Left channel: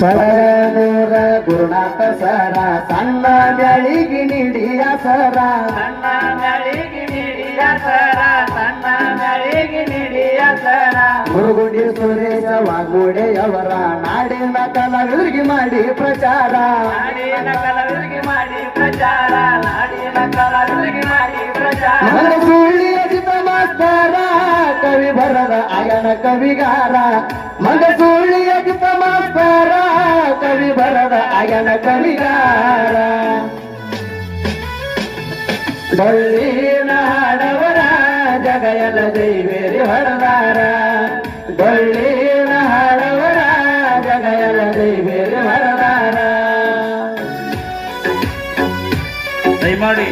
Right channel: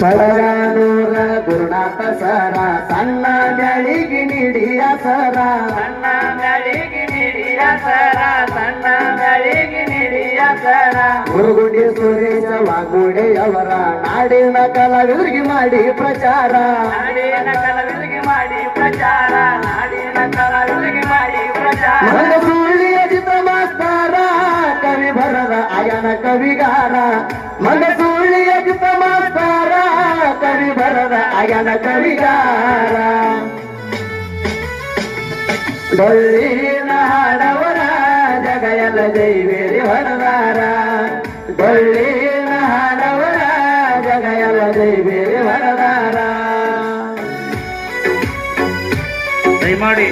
ಸರನೂರ ಗುರುನಾಥ ಸರ ಸಣ್ಣ ಮ್ಯಾಳಿಗೆ ನೀಡಿಯ ಸರ ಸಣ್ಣ ಮ್ಯಾಳಿಗೆ ನೀಡಿಯ ಸರ ಸಣ್ಣ ಮ್ಯಾಳಿಗೆ ನೀಡಿಯ ಸರ ಗುರುಗುಡಿ ಸುರೇಶ ವಾಗುಡೆಯವರ ನಾಡಿನ ಕಲಾವಿದರಿಗೆ ಮಾಡಿ ಪ್ರಚಾರ ನಾಡಿನ ಕಲಾವಿದರಿಗೆ ಮಾಡಿ ಪ್ರಚಾರ ನಾಡಿನ ಕಲಾವಿದರಿಗೆ ಮಾಡಿ ಪ್ರಚಾರ ಮನಸೂಳಿ ಅಜಿತ ಮಾಸ್ತರ ಕವಿ ಬರದ ಅಯನ ಕವಿಗಾರ ಮನಸೂಳಿ ಅಜಿತ ಮಾಸ್ತರ ಕವಿ ಬರದ ಅಯನ ಕವಿಗಾರ ಡೊಳ್ಳಿನ ಹಾಡವರ ಜಗಯಲ ಜೈವೇರಿ ಹೊರದಾರ ಡೊಳ್ಳಿನ ಹಾಡವರ ಜಗಯಲ ಜೈವೇರಿ ಹೊರದಾರ ದಯಮಾಡಿ